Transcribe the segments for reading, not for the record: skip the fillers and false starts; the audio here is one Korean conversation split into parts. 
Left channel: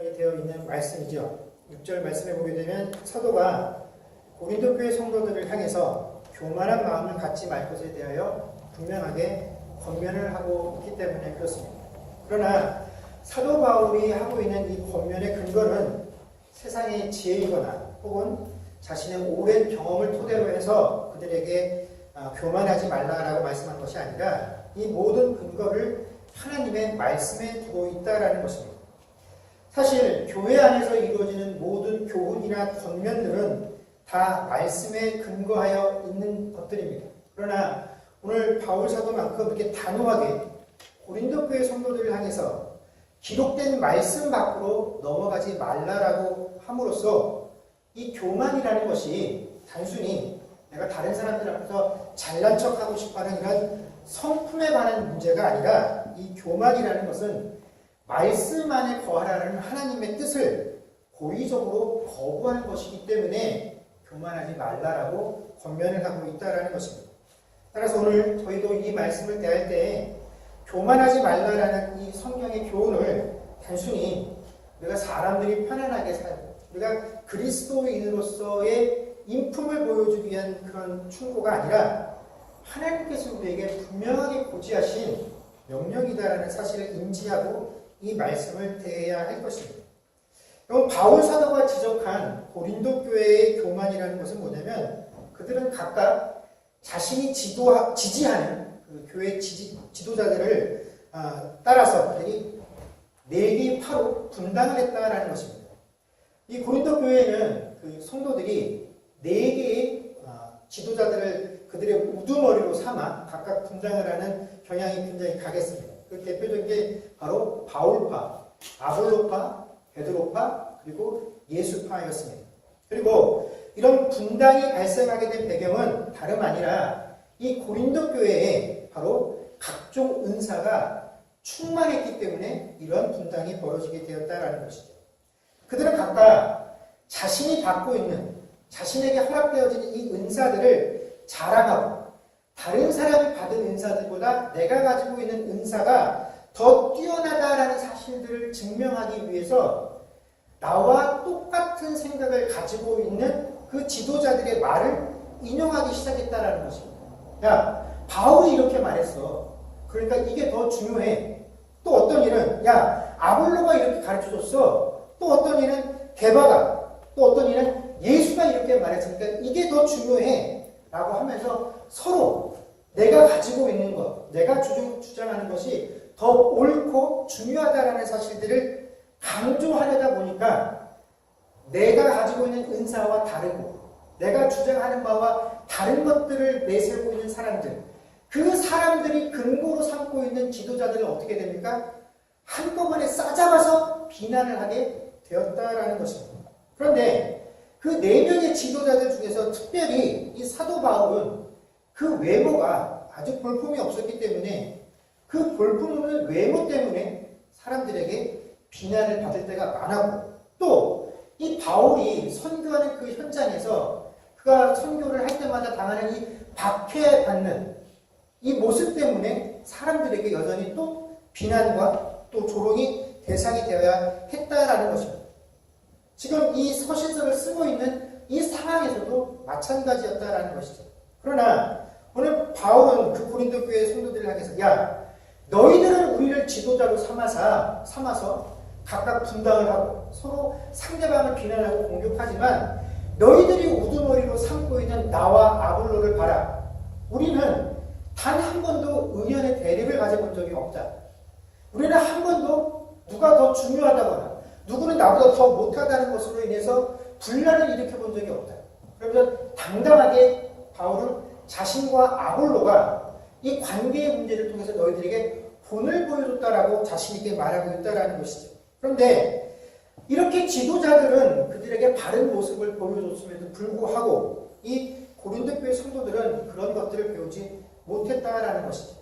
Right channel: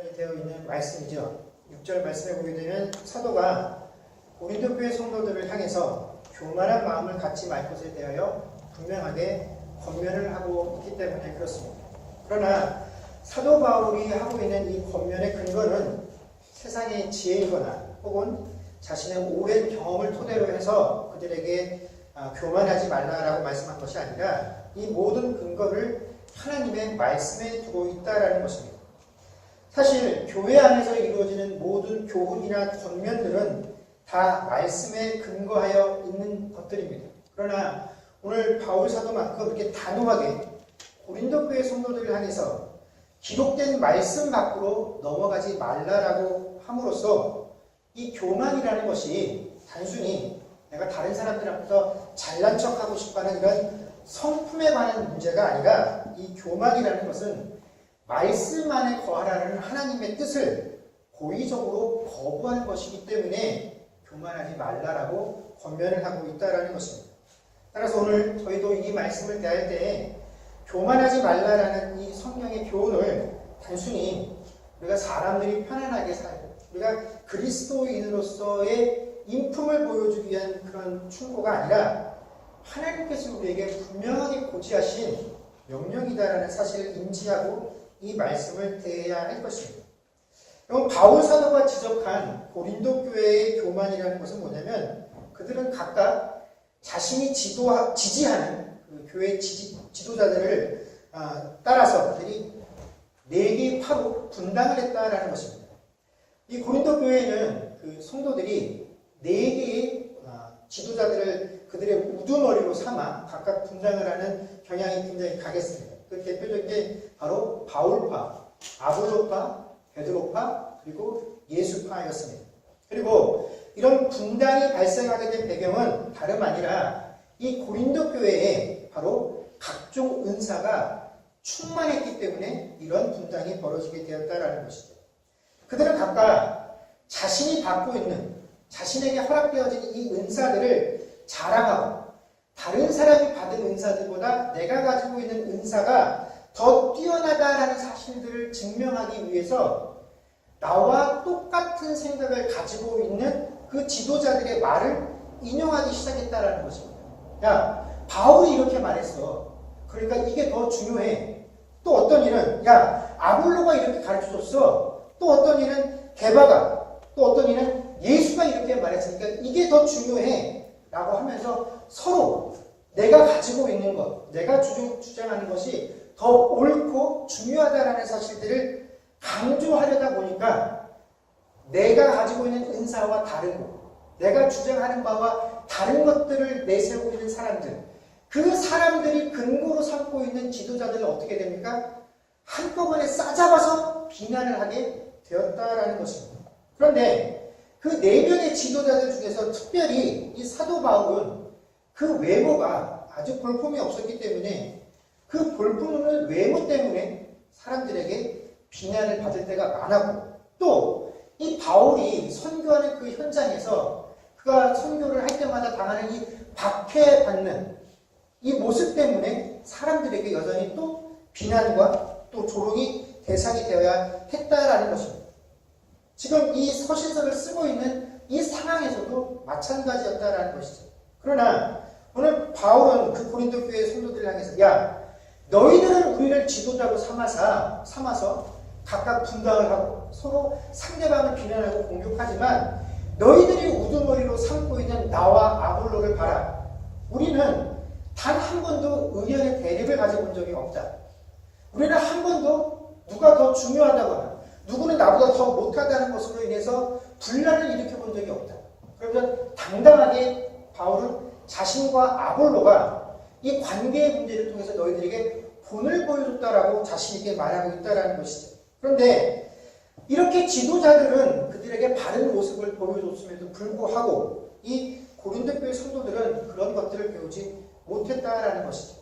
되어 있는 말씀이죠. 6절 말씀에 보게 되면 사도가 고린도 교회 성도들을 향해서 교만한 마음을 갖지 말 것에 대하여 분명하게 권면을 하고 있기 때문에 그렇습니다. 그러나 사도 바울이 하고 있는 이 권면의 근거는 세상의 지혜이거나 혹은 자신의 오랜 경험을 토대로 해서 그들에게 교만하지 말라라고 말씀한 것이 아니라 이 모든 근거를 하나님의 말씀에 두고 있다라는 것입니다. 사실 교회 안에서 이루어지는 모든 교훈이나 권면들은 다 말씀에 근거하여 있는 것들입니다. 그러나 오늘 바울 사도만큼 이렇게 단호하게 고린도 교회 성도들을 향해서 기록된 말씀 밖으로 넘어가지 말라라고 함으로써 이 교만이라는 것이 단순히 내가 다른 사람들 앞에서 잘난 척하고 싶어하는 이런 성품에 관한 문제가 아니라 이 교만이라는 것은 말씀 안에 거하라는 하나님의 뜻을 고의적으로 거부하는 것이기 때문에 교만하지 말라라고 권면을 하고 있다는 것입니다. 따라서 오늘 저희도 이 말씀을 대할 때 교만하지 말라라는 이 성경의 교훈을 단순히 우리가 사람들이 편안하게 살고 우리가 그리스도인으로서의 인품을 보여주기 위한 그런 충고가 아니라 하나님께서 우리에게 분명하게 고지하신 명령이다라는 사실을 인지하고 이 말씀을 대해야 할 것입니다. 그럼 바울 사도가 지적한 고린도 교회의 교만이라는 것은 뭐냐면 그들은 각각 자신이 지지하는 그 교회 지도자들을 따라서 그들이 4개의 파로 분당을 했다라는 것입니다. 이 고린도 교회는 그 성도들이 4개의 지도자들을 그들의 우두머리로 삼아 각각 분당을 하는 경향이 굉장히 강했습니다. 그 대표적인 게 바로 바울파, 아볼로파, 베드로파, 그리고 예수파였습니다. 그리고 이런 분당이 발생하게 된 배경은 다름 아니라 이 고린도 교회에 바로 각종 은사가 충만했기 때문에 이런 분당이 벌어지게 되었다라는 것이죠. 그들은 각각 자신이 받고 있는 자신에게 허락되어진 이 은사들을 자랑하고 다른 사람이 받은 은사들보다 내가 가지고 있는 은사가 더 뛰어나다라는 사실들을 증명하기 위해서 나와 똑같은 생각을 가지고 있는 그 지도자들의 말을 인용하기 시작했다라는 것입니다. 야, 바울이 이렇게 말했어. 그러니까 이게 더 중요해. 또 어떤 일은 야, 아볼로가 이렇게 가르쳐줬어. 또 어떤 일은 게바가, 또 어떤 일은 예수가 이렇게 말했으니까 이게 더 중요해. 라고 하면서 서로 내가 가지고 있는 것, 내가 주장하는 것이 더 옳고 중요하다라는 사실들을 강조하려다 보니까 내가 가지고 있는 은사와 다른 것, 내가 주장하는 바와 다른 것들을 내세우고 있는 사람들, 그 사람들이 근거로 삼고 있는 지도자들은 어떻게 됩니까? 한꺼번에 싸잡아서 비난을 하게 되었다라는 것입니다. 그런데 그 4명의 지도자들 중에서 특별히 이 사도 바울은 그 외모가 아주 볼품이 없었기 때문에 그 볼품없는 외모 때문에 사람들에게 비난을 받을 때가 많았고 또 이 바울이 선교하는 그 현장에서 그가 선교를 할 때마다 당하는 이 박해받는 이 모습 때문에 사람들에게 여전히 또 비난과 또 조롱이 대상이 되어야 했다라는 것입니다. 지금 이 서신서를 쓰고 있는 이 상황에서도 마찬가지였다라는 것이죠. 그러나 오늘 바울은 그 고린도 교회 성도들을 향해서 야, 너희들은 우리를 지도자로 삼아서 각각 분당을 하고 서로 상대방을 비난하고 공격하지만 너희들이 우두머리로 삼고 있는 나와 아볼로를 봐라. 우리는 단 한 번도 의견의 대립을 가져본 적이 없다. 우리는 한 번도 누가 더 중요하다거나 누구는 나보다 더 못하다는 것으로 인해서 분란을 일으켜 본 적이 없다. 그러면 당당하게 바울은 자신과 아볼로가 이 관계의 문제를 통해서 너희들에게 본을 보여줬다라고 자신있게 말하고 있다라는 것이죠. 그런데 이렇게 지도자들은 그들에게 바른 모습을 보여줬음에도 불구하고 이 고린도 교회 성도들은 그런 것들을 배우지 못했다라는 것이죠.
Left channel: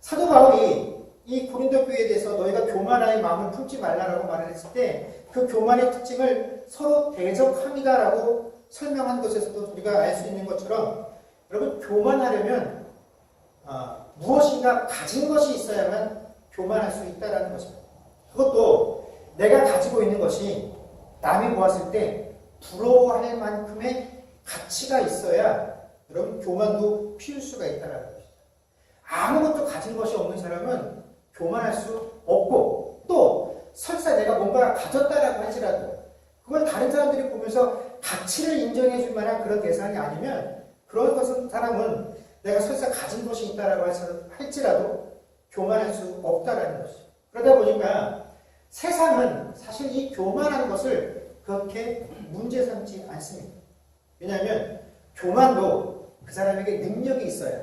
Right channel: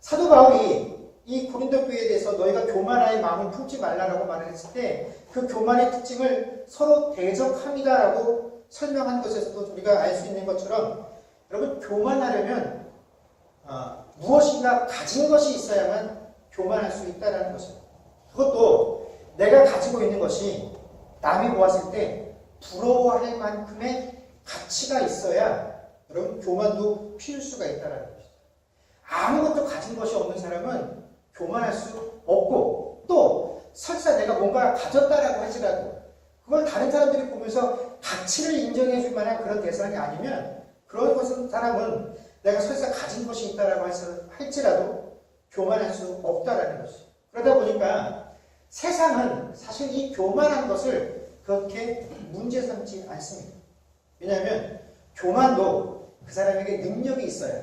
사도 바울이 이 고린도 교회에 대해서 너희가 교만의 마음을 품지 말라라고 말을 했을 때 그 교만의 특징을 서로 대적합니다라고 설명한 것에서도 우리가 알 수 있는 것처럼 여러분 교만하려면 무엇인가 가진 것이 있어야만 교만할 수 있다는 것입니다. 그것도 내가 가지고 있는 것이 남이 보았을 때 부러워할 만큼의 가치가 있어야 여러분 교만도 피울 수가 있다는 것이죠. 아무것도 가진 것이 없는 사람은 교만할 수 없고, 또 설사 내가 뭔가 가졌다라고 할지라도 그걸 다른 사람들이 보면서 가치를 인정해 줄 만한 그런 대상이 아니면 그런 것은 사람은 내가 설사 가진 것이 있다라고 할지라도 교만할 수 없다라는 것이죠. 그러다 보니까 세상은 사실 이 교만한 것을 그렇게 문제 삼지 않습니다. 왜냐하면 교만도 그 사람에게 능력이 있어야,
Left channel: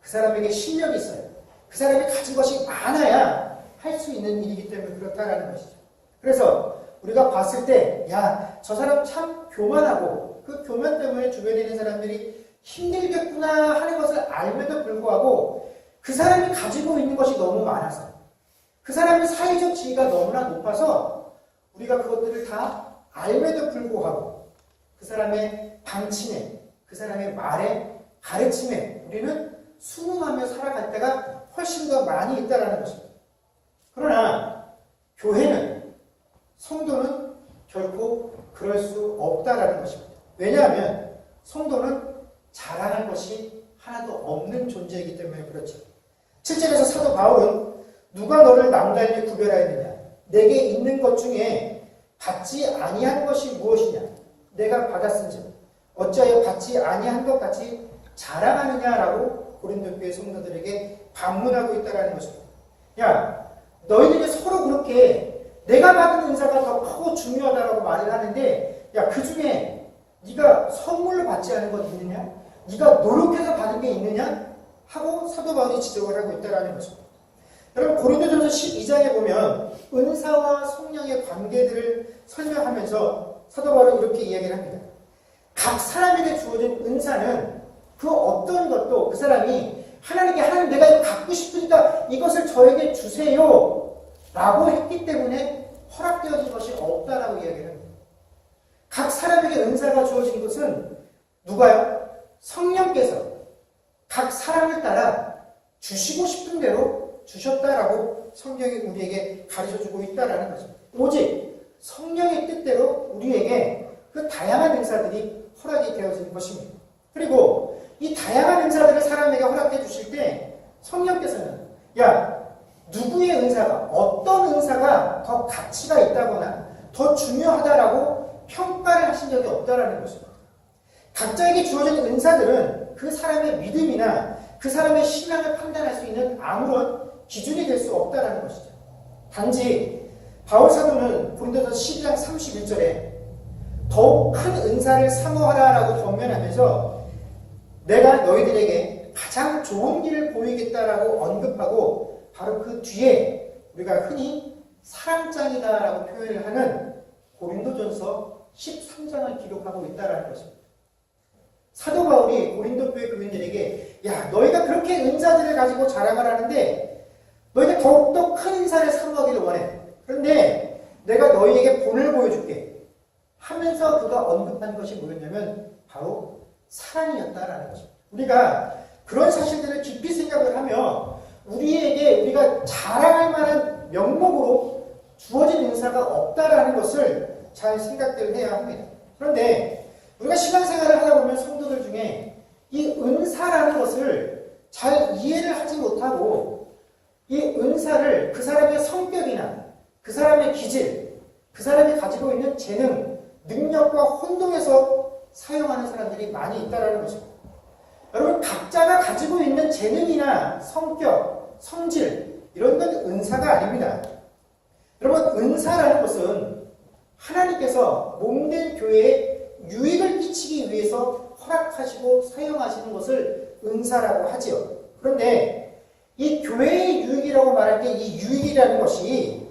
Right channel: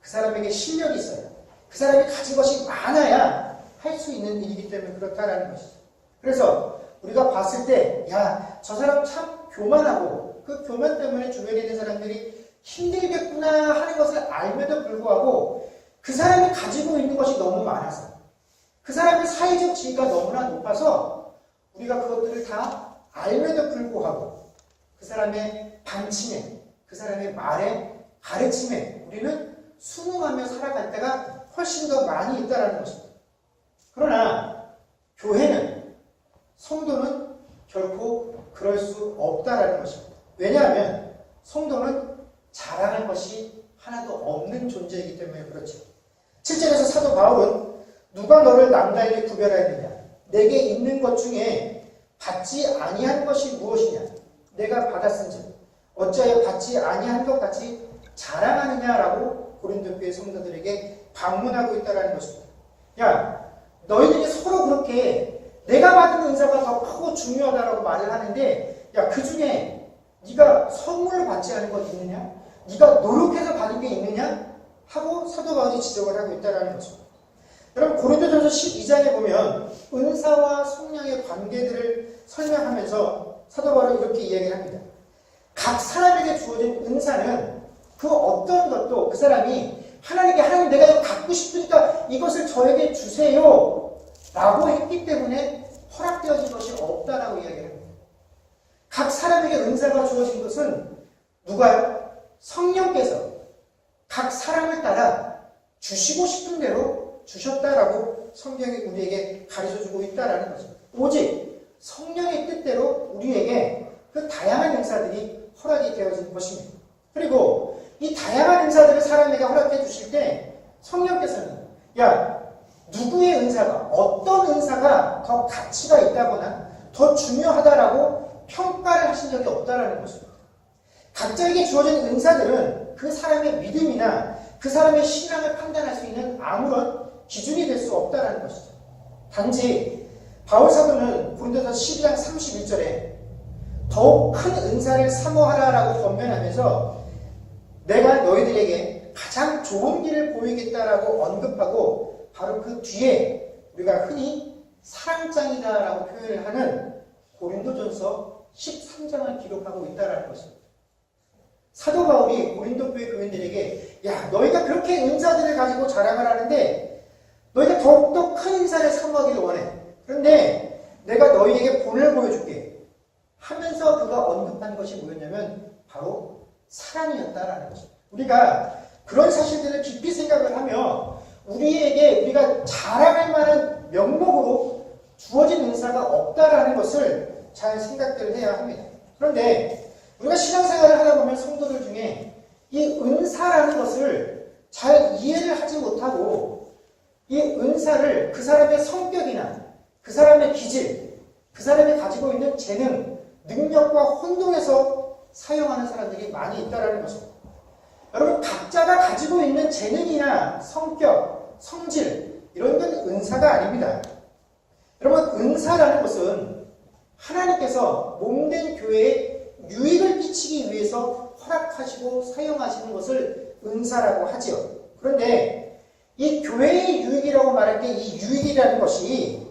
그 사람에게 실력이 있어야, 그 사람이 가진 것이 많아야 할 수 있는 일이기 때문에 그렇다라는 것이죠. 그래서 우리가 봤을 때, 야, 저 사람 참 교만하고 그 교만 때문에 주변에 있는 사람들이 힘들겠구나 하는 것을 알면도 불구하고 그 사람이 가지고 있는 것이 너무 많아서, 그 사람의 사회적 지위가 너무나 높아서 우리가 그것들을 다 알면도 불구하고 그 사람의 방침에, 그 사람의 말에, 가르침에 우리는 순응하며 살아갈 때가 훨씬 더 많이 있다는 것입니다. 그러나 교회는, 성도는 결코 그럴 수 없다라는 것입니다. 왜냐하면 성도는 자랑할 것이 하나도 없는 존재이기 때문에 그렇죠. 7절에서 사도 바울은 누가 너를 남달리 구별하였느냐? 내게 있는 것 중에 받지 아니한 것이 무엇이냐? 내가 받았은즉 어찌하여 받지 아니한 것 같이 자랑하느냐라고 고린도 교회 성도들에게 반문하고 있다는 것입니다. 야, 너희들이 서로 그렇게 내가 받은 은사가 더 크고 중요하다라고 말을 하는데, 야, 그 중에 네가 선물을 받지 않은 것 있느냐? 네가 노력해서 받은 게 있느냐? 하고 사도 바울이 지적을 하고 있다는 것입니다. 여러분, 고린도전서 12장에 보면 은사와 성령의 관계들을 설명하면서 사도 바울은 이렇게 이야기를 합니다. 각 사람에게 주어진 은사는 그 어떤 것도 그 사람이 하나님께, 하나님 내가 이거 갖고 싶으니까 이것을 저에게 주세요 라고 했기 때문에 허락되어진 것이 없다라고 이야기를 합니다. 각 사람에게 은사가 주어진 것은 누가요? 성령께서 각 사람을 따라 주시고 싶은 대로 주셨다라고 성경이 우리에게 가르쳐주고 있다라는 거죠. 오직 성령의 뜻대로 우리에게 그 다양한 은사들이 허락이 되어진 것입니다. 그리고 이 다양한 은사들을 사람에게 허락해 주실 때 성령께서는, 야, 누구의 은사가, 어떤 은사가 더 가치가 있다거나 더 중요하다라고 평가를 하신 적이 없다라는 것입니다. 각자에게 주어진 은사들은 그 사람의 믿음이나 그 사람의 신앙을 판단할 수 있는 아무런 기준이 될 수 없다라는 것이죠. 단지 바울 사도는 고린도서 12장 31절에 더욱 큰 은사를 사모하라라고 권면하면서 내가 너희들에게 가장 좋은 길을 보이겠다라고 언급하고 바로 그 뒤에 우리가 흔히 사랑장이다라고 표현을 하는 고린도전서 13장을 기록하고 있다라는 것입니다. 사도 바울이 고린도 교회 교인들에게, 야, 너희가 그렇게 은사들을 가지고 자랑을 하는데 너희가 더욱더 큰 은사를 사모하기를 원해. 그런데 내가 너희에게 본을 보여줄게 하면서 그가 언급한 것이 뭐였냐면 바로 사랑이었다라는 것입니다. 우리가 그런 사실들을 깊이 생각을 하며 우리에게 우리가 자랑할 만한 명목으로 주어진 은사가 없다라는 것을 잘 생각을 해야 합니다. 그런데 우리가 신앙생활을 하다 보면 성도들 중에 이 은사라는 것을 잘 이해를 하지 못하고 이 은사를 그 사람의 성격이나 그 사람의 기질, 그 사람이 가지고 있는 재능, 능력과 혼동해서 사용하는 사람들이 많이 있다는 것입니다. 여러분, 각자가 가지고 있는 재능이나 성격, 성질, 이런 건 은사가 아닙니다. 여러분, 은사라는 것은 하나님께서 몸된 교회에 유익을 끼치기 위해서 허락하시고 사용하시는 것을 은사라고 하지요. 그런데 이 교회의 유익이라고 말할 때 이 유익이라는 것이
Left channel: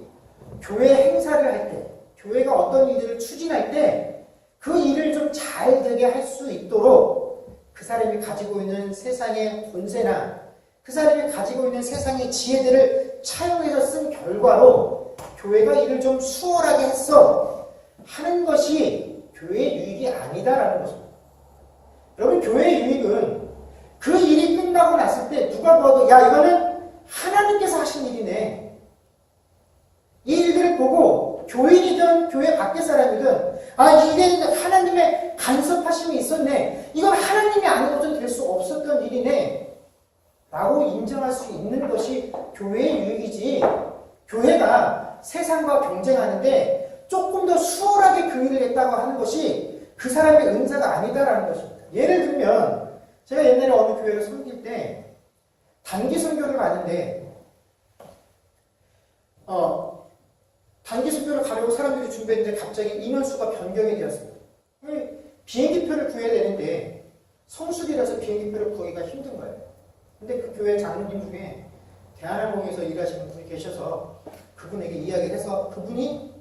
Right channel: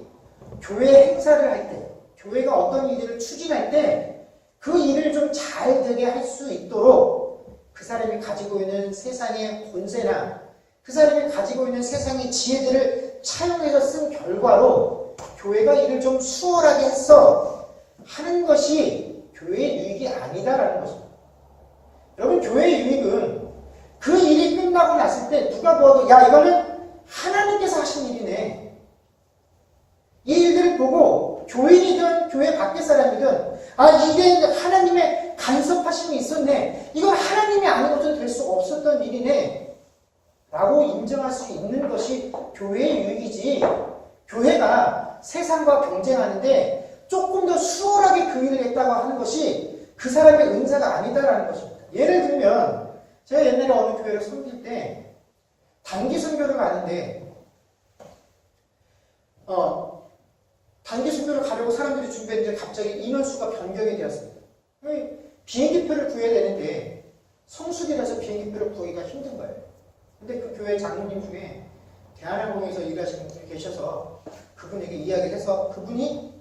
교회 행사를 할 때, 교회가 어떤 일들을 추진할 때 그 일을 좀 잘 되게 할 수 있도록 그 사람이 가지고 있는 세상의 권세나 그 사람이 가지고 있는 세상의 지혜들을 차용해서 쓴 결과로 교회가 일을 좀 수월하게 했어 하는 것이 교회의 유익이 아니다라는 것입니다. 여러분, 교회의 유익은 그 일이 끝나고 났을 때 누가 보아도 야, 이거는 하나님께서 하신 일이네. 이 일들을 보고 이게 하나님의 간섭하심이 있었네. 이건 하나님이 아니고는 될 수 없었던 일이네. 라고 인정할 수 있는 것이 교회의 유익이지. 교회가 세상과 경쟁하는데 조금 더 수월하게 교육을 했다고 하는 것이 그 사람의 은사가 아니다라는 것입니다. 예를 들면 제가 옛날에 어느 교회를 섬길 때 단기 선교를 가는데 단기 선교를 가려고 사람들이 준비했는데 갑자기 인원수가 변경이 되었습니다. 비행기표를 구해야 되는데 성수기라서 비행기표를 구하기가 힘든 거예요. 근데 그 교회 장로님 중에 대한항공에서 일하시는 분이 계셔서 그분에게 이야기를 해서 그분이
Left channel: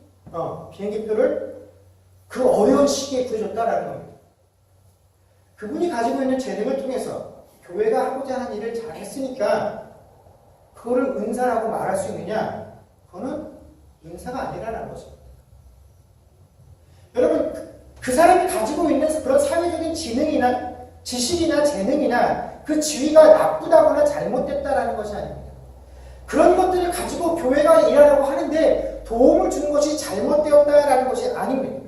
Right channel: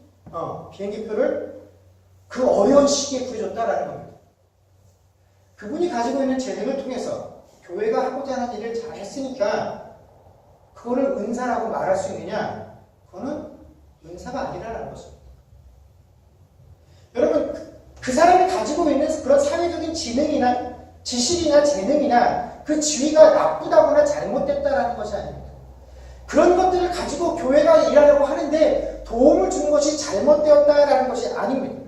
비행기표를 그 어려운 시기에 구해줬다라는 겁니다. 그분이 가지고 있는 재능을 통해서 교회가 하고자 하는 일을 잘했으니까 그거를 은사라고 말할 수 있느냐? 그거는 은사가 아니라는 것입니다. 여러분, 그 사람이 가지고 있는 그런 사회적인 지능이나 지식이나 재능이나 그 지위가 나쁘다거나 잘못됐다라는 것이 아닙니다. 그런 것들을 가지고 교회가 일하려고 하는데 도움을 주는 것이 잘못되었다라는 것이 아닙니다.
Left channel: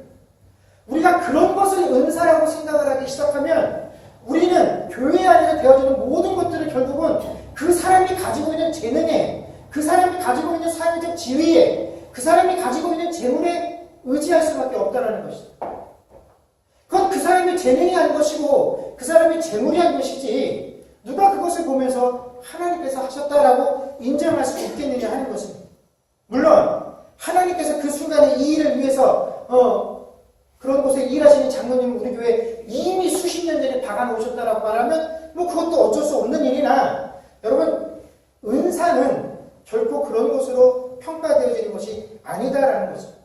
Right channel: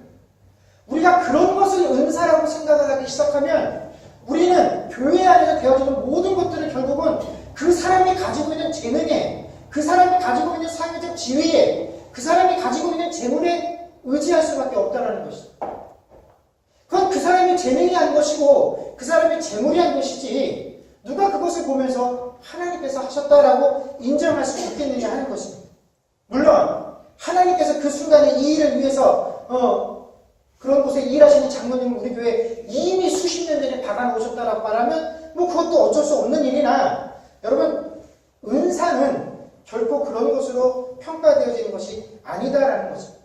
우리가 그런 것을 은사라고 생각을 하기 시작하면 우리는 교회 안에서 되어지는 모든 것들을 결국은 그 사람이 가지고 있는 재능에, 그 사람이 가지고 있는 사회적 지위에, 그 사람이 가지고 있는 재물에 의지할 수밖에 없다는 것이다. 그건 그 사람의 재능이 한 것이고 그 사람의 재물이 한 것이지 누가 그것을 보면서 하나님께서 하셨다라고 인정할 수 있겠느냐 하는 것입니다. 물론 하나님께서 그 순간에 이 일을 위해서 그런 곳에 일하시는 장로님은 우리 교회에 이미 수십 년 전에 박아놓으셨다라고 말하면 그것도 어쩔 수 없는 일이나 여러분 은사는 결코 그런 것으로 평가되어지는 것이 아니다라는 것입니다.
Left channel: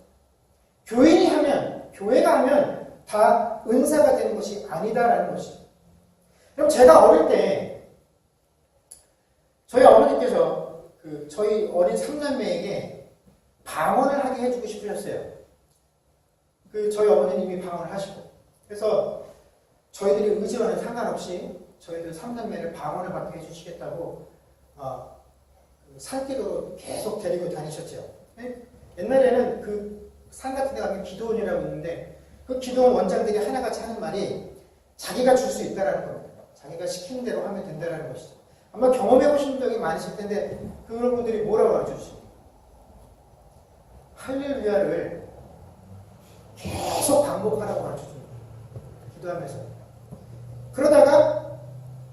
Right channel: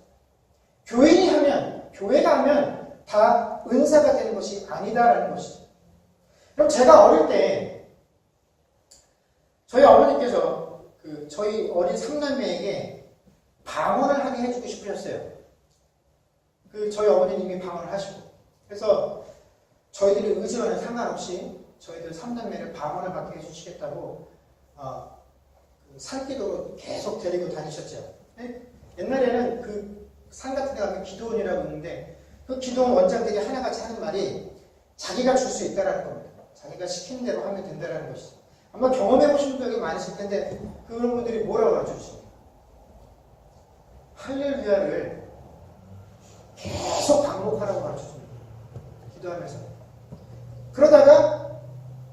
교인이 하면 교회가 하면 다 은사가 되는 것이 아니다라는 것이죠. 그럼 제가 어릴 때 저희 어머니께서 저희 어린 삼남매에게 방언을 하게 해주고 싶으셨어요. 저희 어머니님이 방언을 하시고 그래서 저희들이 의지와는 상관없이 저희들 삼남매를 방언을 받게 해주시겠다고 산기도로 계속 데리고 다니셨죠. 옛날에는 그 산 같은 데 가면 기도원이라고 있는데 그 기도원 원장들이 하나같이 하는 말이 자기가 줄 수 있다라는 겁니다. 자기가 시키는 대로 하면 된다라는 것이죠. 아마 경험해 보신 적이 많으실 텐데 그런 분들이 뭐라고 가르쳐주십니까? 할렐루야를 계속 반복하라고 가르쳐줍니다. 기도하면서. 그러다가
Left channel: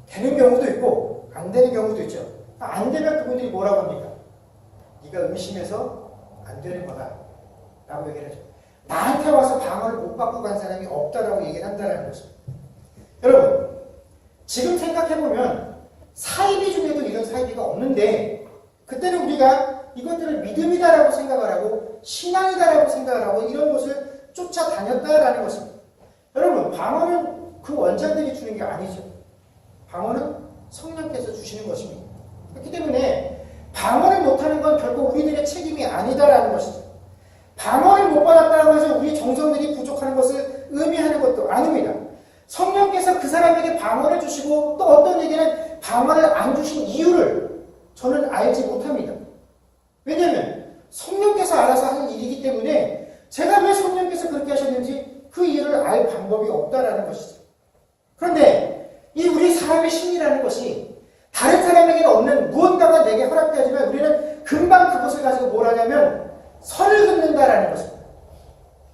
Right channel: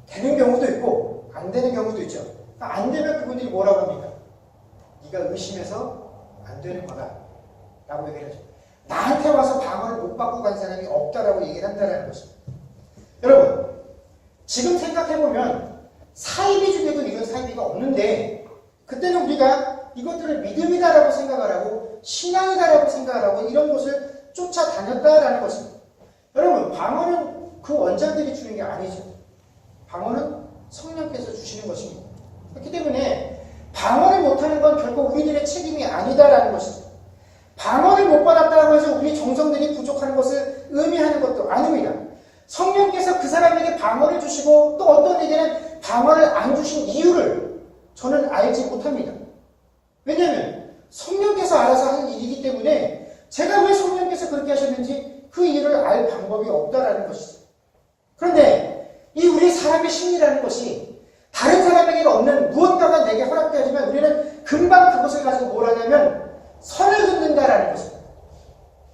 되는 경우도 있고 안 되는 경우도 있죠. 안 되면 그분들이 뭐라고 합니까? 네가 의심해서 안 되는 거다 라고 얘기를 하죠. 나한테 와서 방언을 못 받고 간 사람이 없다라고 얘기를 한다는 것입니다. 여러분 지금 생각해보면 사이비 중에도 이런 사이비가 없는데 그때는 우리가 이것들을 믿음이다라고 생각을 하고 신앙이다라고 생각을 하고 이런 것을 쫓아다녔다라는 것입니다. 여러분 방언은 그 원장들이 주는 게 아니죠. 방언은 성령께서 주시는 것입니다. 그렇기 때문에 방언을 못하는 건 결국 우리들의 책임이 아니다라는 것이죠. 방언을 못 받았다고 해서 우리 정성들이 부족한 것을 의미하는 것도 아닙니다. 성령께서 그 사람에게 방언을 주시고 또 어떤 에게는 방언을 안 주신 이유를 저는 알지 못합니다. 왜냐하면 성령께서 알아서 하는 일이기 때문에 제가 왜 성령께서 그렇게 하셨는지 그 이유를 알 방법이 없다라는 것이죠. 그런데 이 우리 사람의 심리라는 것이 다른 사람에게 없는 무언가가 내게 허락되어지면 우리는 금방 그것을 가지고 뭘 하냐면 선을 긋는다라는 것입니다.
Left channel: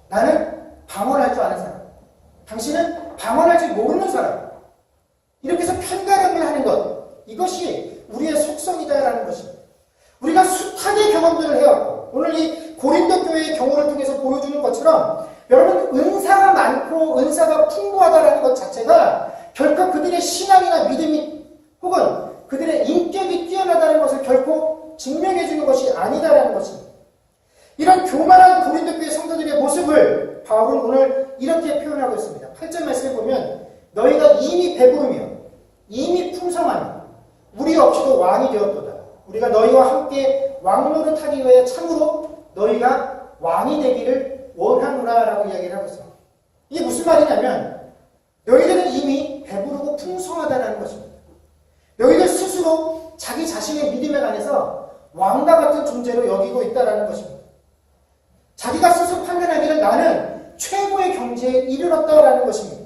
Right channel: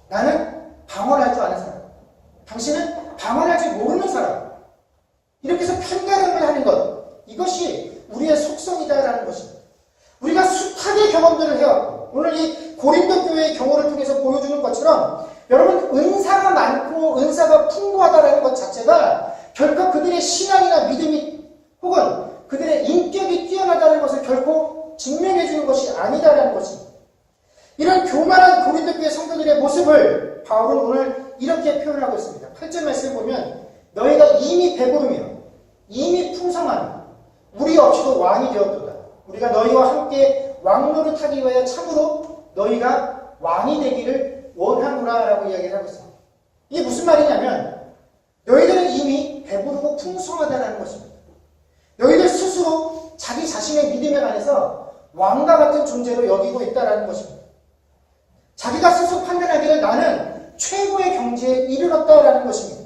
나는 방언할 줄 아는 사람, 당신은 방언할 줄 모르는 사람, 이렇게 해서 편가름을 하는 것, 이것이 우리의 속성이다라는 것입니다. 우리가 숱하게 경험들을 해왔고 오늘 이 고린도 교회의 경우를 통해서 보여주는 것처럼 여러분 은사가 많고 은사가 풍부하다라는 것 자체가 결코 그들의 신앙이나 믿음이 혹은 그들의 인격이 뛰어나다는 것을 결코 증명해 주는 것이 아니다라는 것입니다. 이런 교만한 고린도 교회 성도들의 모습을 바울은 오늘 이렇게 표현하고 있습니다. 8절 말씀을 보면 너희가 이미 배부르며 이미 풍성하며 우리 없이도 왕이 되었도다. 우리가 너희와 함께 왕노릇 하기 위해 참으로 너희가 왕이 되기를 원하노라 라고 이야기를 하고 있습니다. 이게 무슨 말이냐면 너희들은 이미 배부르고 풍성하다는 것입니다. 너희들 스스로 자기 자신의 믿음에 관해서 왕과 같은 존재로 여기고 있다는 것입니다. 자기가 스스로 판단하기를 나는 최고의 경지에 이르렀다라는 것입니다.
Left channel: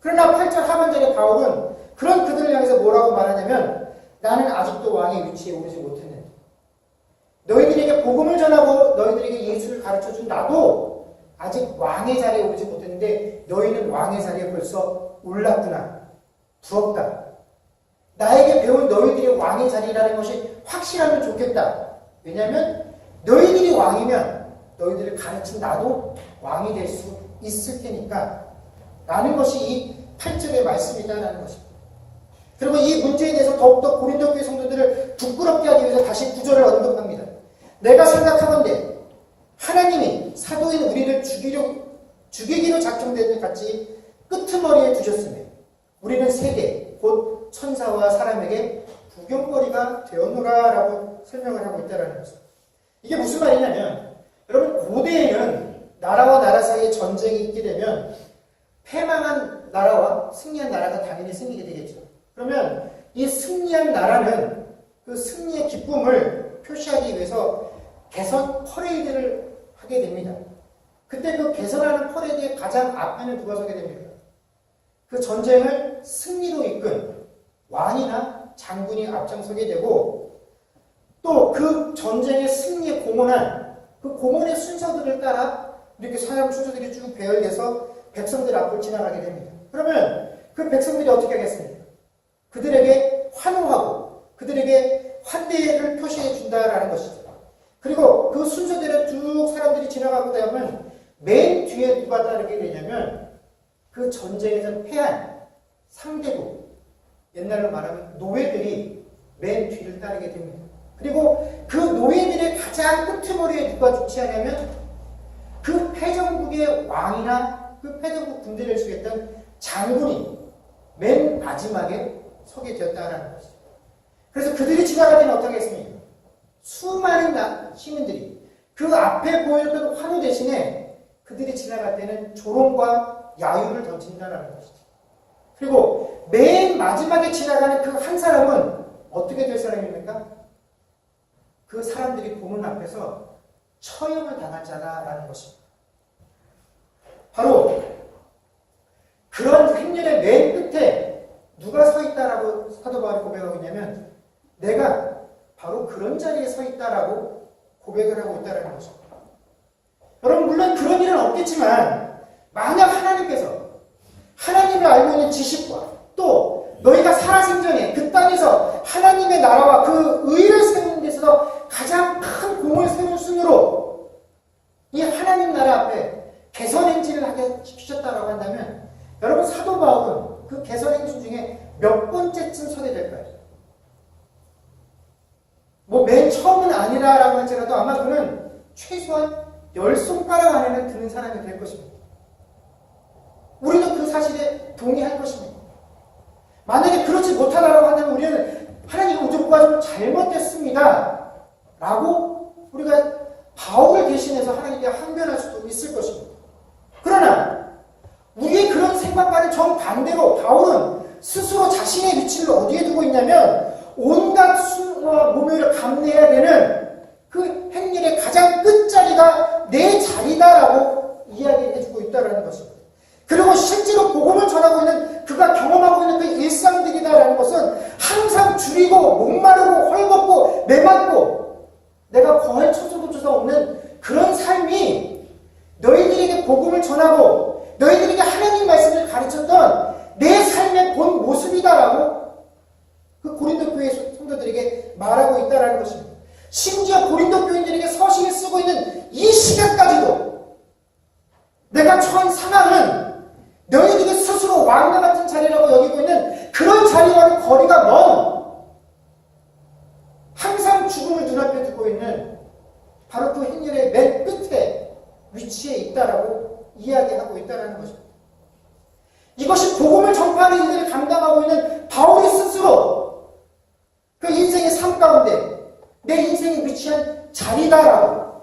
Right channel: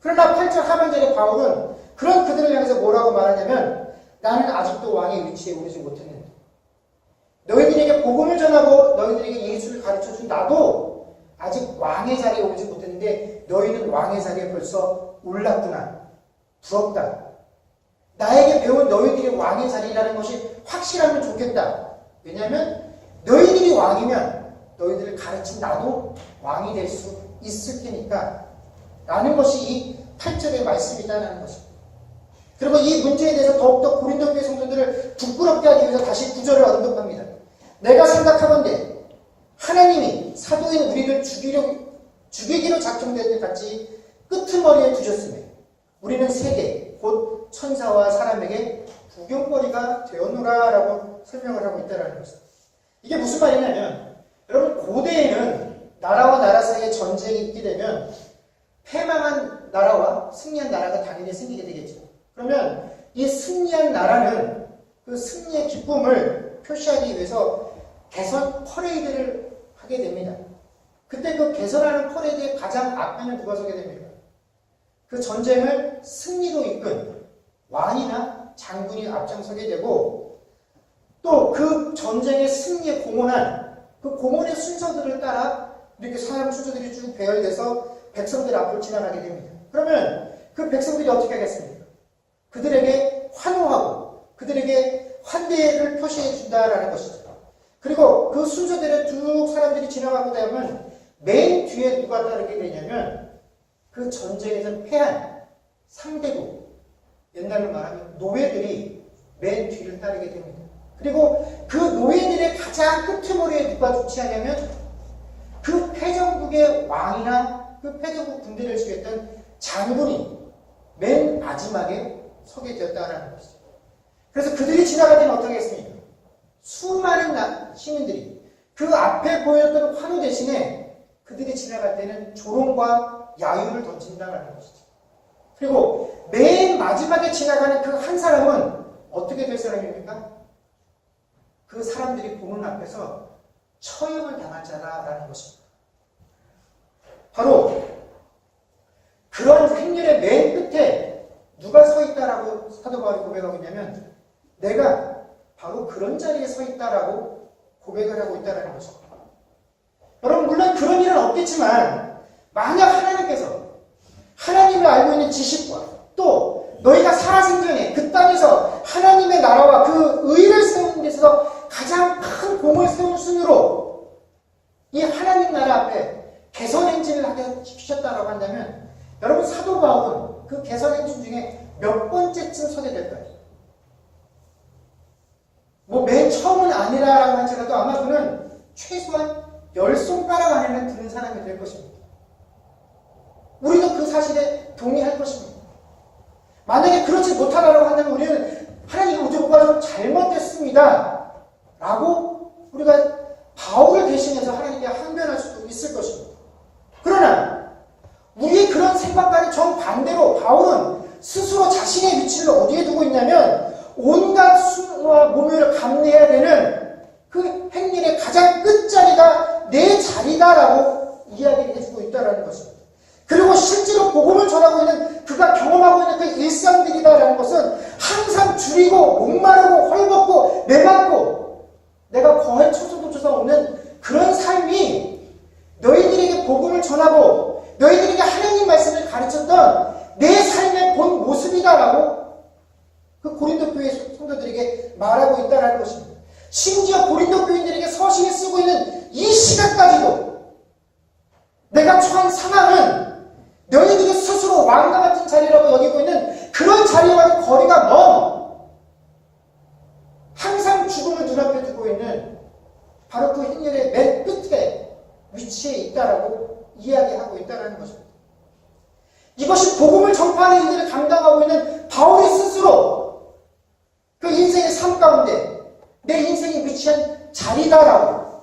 그러나 8절 하반절의 바울은 그런 그들을 향해서 뭐라고 말하냐면 나는 아직도 왕의 위치에 오르지 못했는데 너희들에게 복음을 전하고 너희들에게 예수를 가르쳐준 나도 아직 왕의 자리에 오르지 못했는데 너희는 왕의 자리에 벌써 올랐구나. 부럽다. 나에게 배운 너희들이 왕의 자리라는 것이 확실하면 좋겠다. 왜냐하면 너희들이 왕이면 너희들을 가르친 나도 왕이 될 수 있을 테니까 라는 것이 이 8절의 말씀이다라는 것입니다. 그리고 이 문제에 대해서 더욱더 고린도 교회 성도들을 부끄럽게 하기 위해서 다시 9절을 언급합니다. 내가 생각하건대 하나님이 사도인 우리를 죽이기로 작정된 것 같이 끄트머리에 두셨으며 우리는 세계 곧 천사와 사람에게 구경거리가 되었노라라고 설명을 하고 있다는 것입니다. 이게 무슨 말이냐면 여러분 고대에는 나라와 나라 사이에 전쟁이 있게 되면 패망한 나라와 승리한 나라가 당연히 생기게 되겠죠. 그러면 이 승리한 나라는 그 승리의 기쁨을 표시하기 위해서 개선 퍼레이드를 하게 됩니다. 그때 그 개선하는 퍼레이드의 가장 앞에는 누가 서게 됩니다. 그 전쟁을 승리로 이끈 왕이나 장군이 앞장서게 되고 또 그 전쟁의 승리에 공헌한 그 공헌의 순서들을 따라 이렇게 사람 순서들이 쭉 배열돼서 백성들 앞을 지나가게 됩니다. 그러면 그 백성들이 어떻게 하겠습니까? 그들에게 환호하고 그들에게 환대를 표시해 준다라는 것이죠. 그리고 그 순서대로 쭉 사람들이 지나가고 나면 맨 뒤에 누가 따르게 되냐면 그 전쟁에서 패한 상대국, 옛날로 말하면 노예들이 맨 뒤를 따르게 됩니다. 그리고 그 노예들의 가장 끄트머리에 누가 주치하냐면 그 패전국의 왕이나 그 패전국 군대를 지휘했던 장군이 맨 마지막에 서게 되었다는 것이죠. 그래서 그들이 지나갈 때는 어떻게 했습니까? 수많은 시민들이 그 앞에 보였던 환호 대신에 그들이 지나갈 때는 조롱과 야유를 던진다는 것이죠. 그리고 맨 마지막에 지나가는 그 한 사람은 어떻게 될 사람입니까? 그 사람들이 보는 앞에서 처형을 당할 자다라는 것입니다. 바로 그런 행렬의 맨 끝에 누가 서 있다라고 사도 바울이 고백하고 있냐면 내가 바로 그런 자리에 서 있다라고 고백을 하고 있다라는 것입니다. 여러분 물론 그런 일은 없겠지만 만약 하나님께서 하나님을 알고 있는 지식과 또 너희가 살아생전에 그 땅에서 하나님의 나라와 그 의를 세우는 데 있어서 가장 큰 공을 세운 순으로 이 하나님 나라 앞에 개선 행진을 하게 시키셨다라고 한다면 여러분 사도 바울은 그 개선 행진 중에 몇 번째쯤 서게 될까요? 뭐 맨 처음은 아니라라고 할지라도 아마 그는 최소한 10손가락 안에는 드는 사람이 될 것입니다. 우리도 그 사실에 동의할 것입니다. 만약에 그렇지 못하다라고 한다면 우리는 하나님 우주가 좀 잘못됐습니다 라고 우리가 바울을 대신해서 하나님께 항변할 수도 있을 것입니다. 그러나 우리의 그런 생각과는 정반대로 바울은 스스로 자신의 위치를 어디에 두고 있냐면 온갖 수와 모멸을 감내해야 되는 그 행렬의 가장 끝자리가 내 자리다라고 이야기를 해주고 있다는 것입니다. 그리고 실제로 복음을 전하고 있는 그가 경험하고 있는 그 일상들이다라는 것은 항상 줄이고 목마르고 헐벗고 메말고 내가 거할 초소도초가 없는 그런 삶이 너희들에게 복음을 전하고 너희들에게 하나님 말씀을 가르쳤던 내 삶의 본 모습이다라고 그 고린도 교회 성도들에게 말하고 있다는 것입니다. 심지어 고린도 교인들에게 서신을 쓰고 있는 이 시간까지도 내가 처한 상황은 너희들이 스스로 왕과 같은 자리라고 여기고 있는 그런 자리와는 거리가 먼 항상 죽음을 눈앞에 두고 있는 바로 그 행렬의 맨 끝에 위치해 있다라고 이야기하고 있다는 것입니다. 이것이 복음을 전파하는 일들을 감당하고 있는 바울이 스스로 그 인생의 삶 가운데 내 인생이 위치한 자리다라고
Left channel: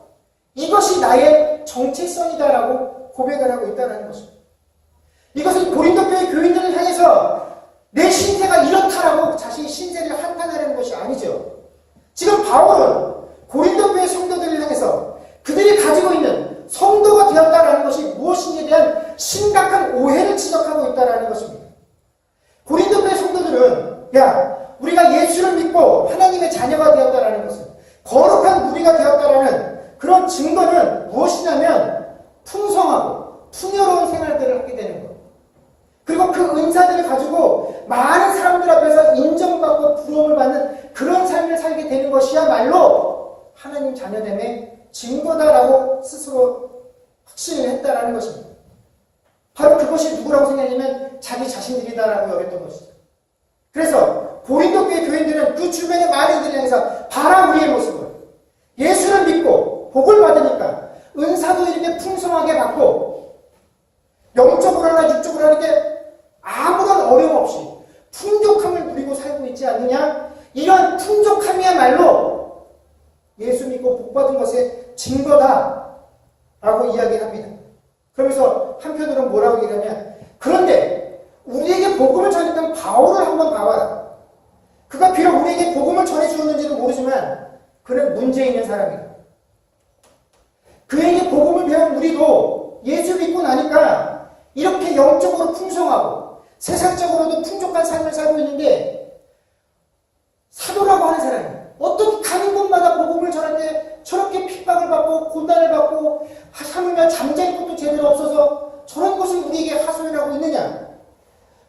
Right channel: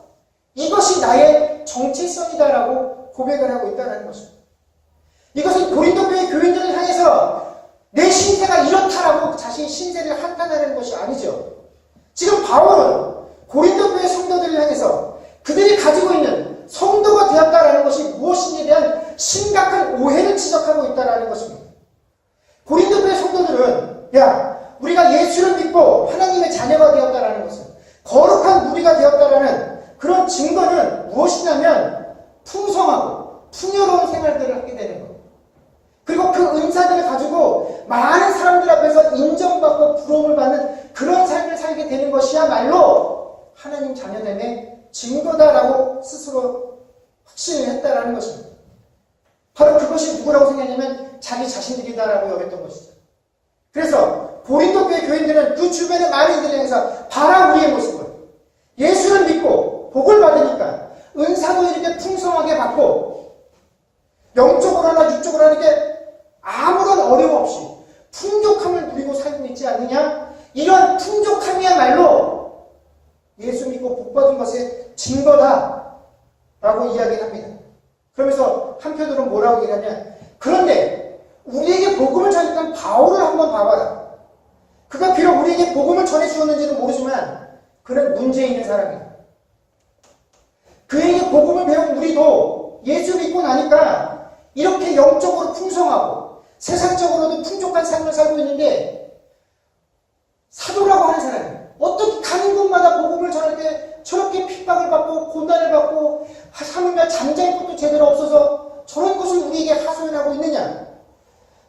이것이 나의 정체성이다라고 고백을 하고 있다는 것입니다. 이것은 고린도 교회 교인들을 향해서 내 신세가 이렇다라고 자신의 신세를 한탄하는 것이 아니죠. 지금 바울은 고린도 교회 성도들을 향해서 그들이 가지고 있는 성도가 되었다라는 것이 무엇이냐 하나님 자녀됨의 증거다라고 스스로 확신을 했다라는 것입니다. 바로 그것이 누구라고 생각했냐면 자기 자신들이다라고 여겼던 것이죠. 그래서 고린도 교회 교인들은 그 주변의 많은 이들을 향해서 봐라 우리의 모습을, 예수를 믿고 복을 받으니까 은사도 이렇게 풍성하게 받고 영적으로나 육적으로나 이렇게 아무런 어려움 없이 풍족함을 누리고 살고 있지 않느냐? 이런 풍족함이야말로 예수 믿고 복 받은 것의 증거다라고 이야기합니다. 그러면서 한편으로는 뭐라고 얘기하냐면, 그런데 우리에게 복음을 전했던 바울을 한번 봐봐라. 그가 비록 우리에게 복음을 전해주었는지는 모르지만 그는 문제 있는 사람이다. 그에게 복음을 배운 우리도 예수 믿고 나니까 이렇게 영적으로 풍성하고 세상적으로도 풍족한 삶을 살고 있는데, 사도라고 하는 사람이 어떻게 가는 곳마다 복음을 전할 때 저렇게 핍박을 받고 고난을 받고 하물며 잠잘 것도 제대로 없어서 저런 것을 우리에게 하소연을 하고 있느냐?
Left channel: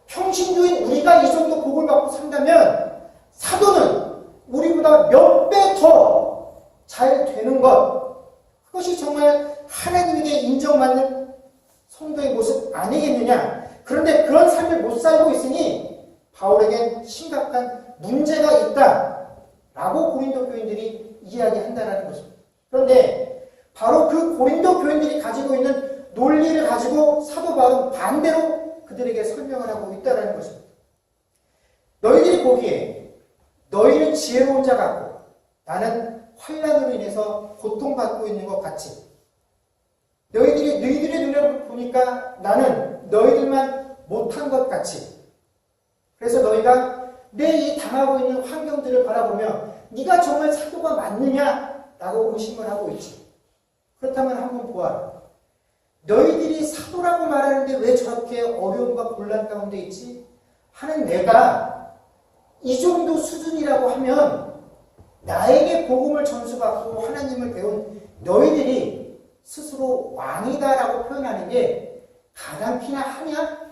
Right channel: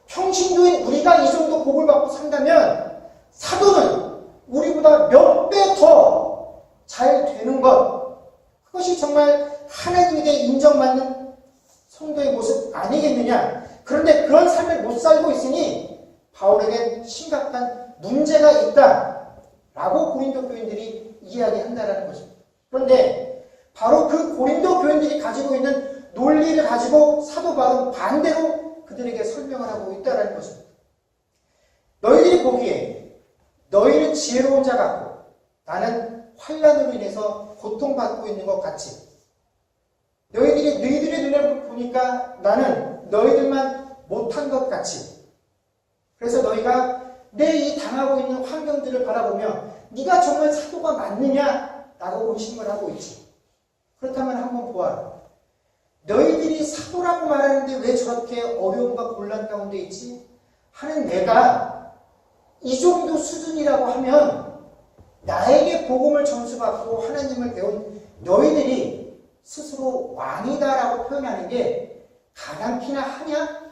평신도인 우리가 이 정도 복을 받고 산다면 사도는 우리보다 몇 배 더 잘 되는 것, 그것이 정말 하나님에게 인정받는 성도의 모습 아니겠느냐? 그런데 그런 삶을 못 살고 있으니 바울에겐 심각한 문제가 있다라고 고린도 교인들이 이야기한다는 것입니다. 그런데 바로 그 고린도 교인들이 가지고 있는 논리를 가지고 사도 바울은 반대로 그들에게 설명을 하고 있다는 것입니다. 너희들이 보기에 너희는 지혜로운 자 같고 나는 환난으로 인해서 고통받고 있는 것 같이, 너희들의 눈에 보니까 나는 너희들만 못한 것 같이, 그래서 너희가 내 이 당하고 있는 환경들을 바라보며 네가 정말 사도가 맞느냐라고 의심을 하고 있지. 그렇다면 한번 보아라. 너희들이 사도라고 말하는데 왜 저렇게 어려움과 곤란 가운데 있지? 하는 내가 이 정도 수준이라고 하면 나에게 복음을 전수받고 하나님을 배운 너희들이 스스로 왕이다라고 표현하는 게 가당키나 하냐?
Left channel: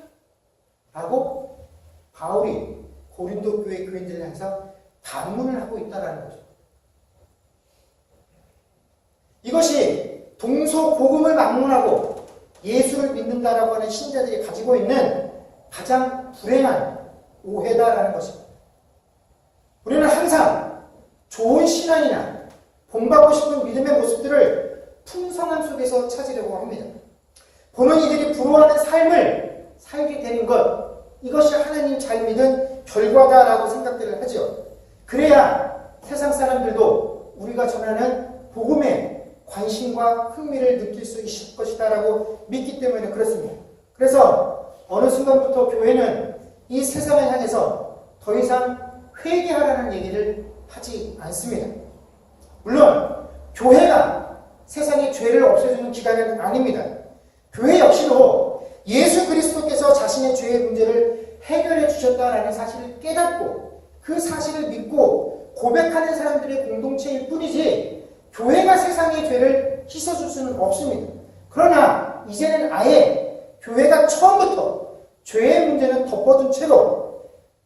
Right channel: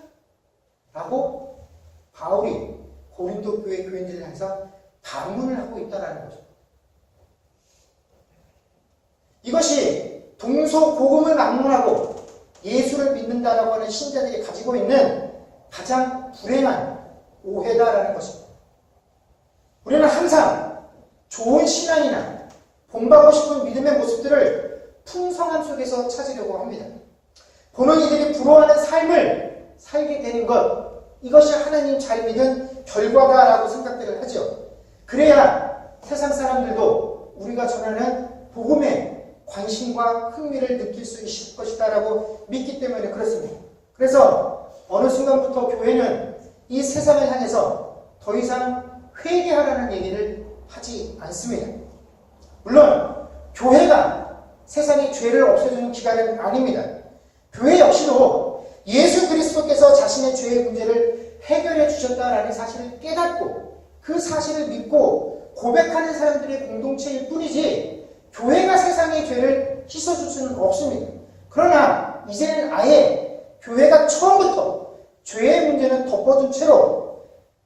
라고 바울이 고린도 교회 교인들을 향해서 반문을 하고 있다는 거죠. 이것이 동서복음을 막론하고 예수를 믿는다라고 하는 신자들이 가지고 있는 가장 불행한 오해다라는 것입니다. 우리는 항상 좋은 신앙이나 본받고 싶은 믿음의 모습들을 풍성함 속에서 찾으려고 합니다. 보는 이들이 부러워하는 삶을 살게 되는 것, 이것이 하나님 잘 믿은 결과다라고 생각들을 하죠. 그래야 세상 사람들도 우리가 전하는 복음에 관심과 흥미를 느낄 수 있을 것이다라고 믿기 때문에 그렇습니다. 그래서 어느 순간부터 교회는 이 세상을 향해서 더 이상 회개하라는 얘기를 하지 않습니다. 물론 교회가 세상의 죄를 없애주는 기관은 아닙니다. 교회 역시도 예수 그리스도께서 자신의 죄의 문제를 해결해 주셨다라는 사실을 깨닫고 그 사실을 믿고 고백하는 사람들의 공동체일 뿐이지, 교회가 세상의 죄를 씻어줄 수는 없습니다. 그러나 이제는 아예 교회가 처음부터 죄의 문제는 덮어둔 채로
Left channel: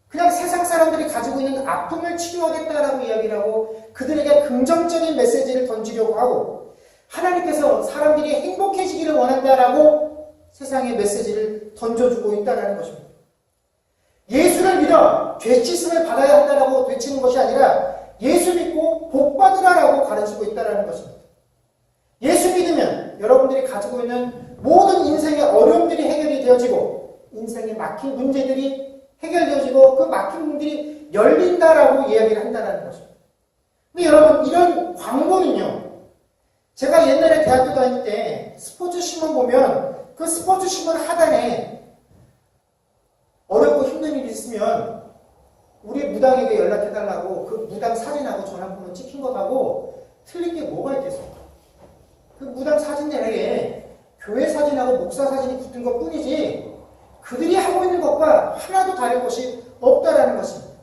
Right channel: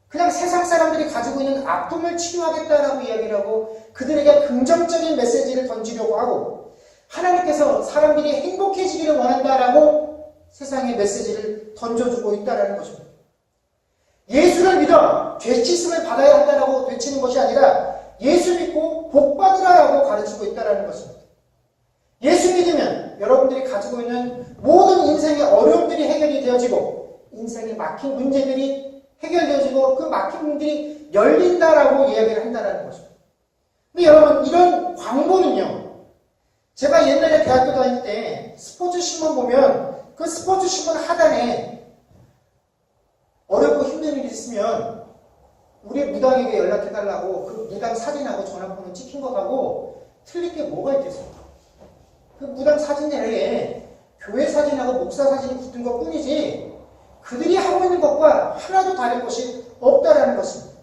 그냥 세상 사람들이 가지고 있는 아픔을 치료하겠다라고 이야기를 하고 그들에게 긍정적인 메시지를 던지려고 하고, 하나님께서 사람들이 행복해지기를 원한다라고 세상에 메시지를 던져주고 있다는 것입니다. 예수를 믿어 죄짓음을 받아야 한다라고 외치는 것이 아니라 예수 믿고 복 받으라라고 가르치고 있다는 것입니다. 예수 믿으면 여러분들이 가지고 있는 모든 인생의 어려움들이 해결이 되어지고 인생에 막힌 문제들이 해결되어지고 그 막힌 문들이 열린다라고 이야기를 한다는 것입니다. 근데 여러분, 이런 광고는요, 제가 옛날에 대학교 다닐 때 스포츠 신문 보면 그 스포츠 신문 하단에 어렵고 힘든 일이 있으면 우리 무당에게 연락해달라고 그 무당 사진하고 전화번호 찍힌 것하고 틀릴 게 뭐가 있겠습니까? 그 무당 사진 내에 교회 사진하고 목사 사진이 붙은 것 뿐이지 그들이 하고 있는 것과 하나도 다른 것이 없다라는 것입니다.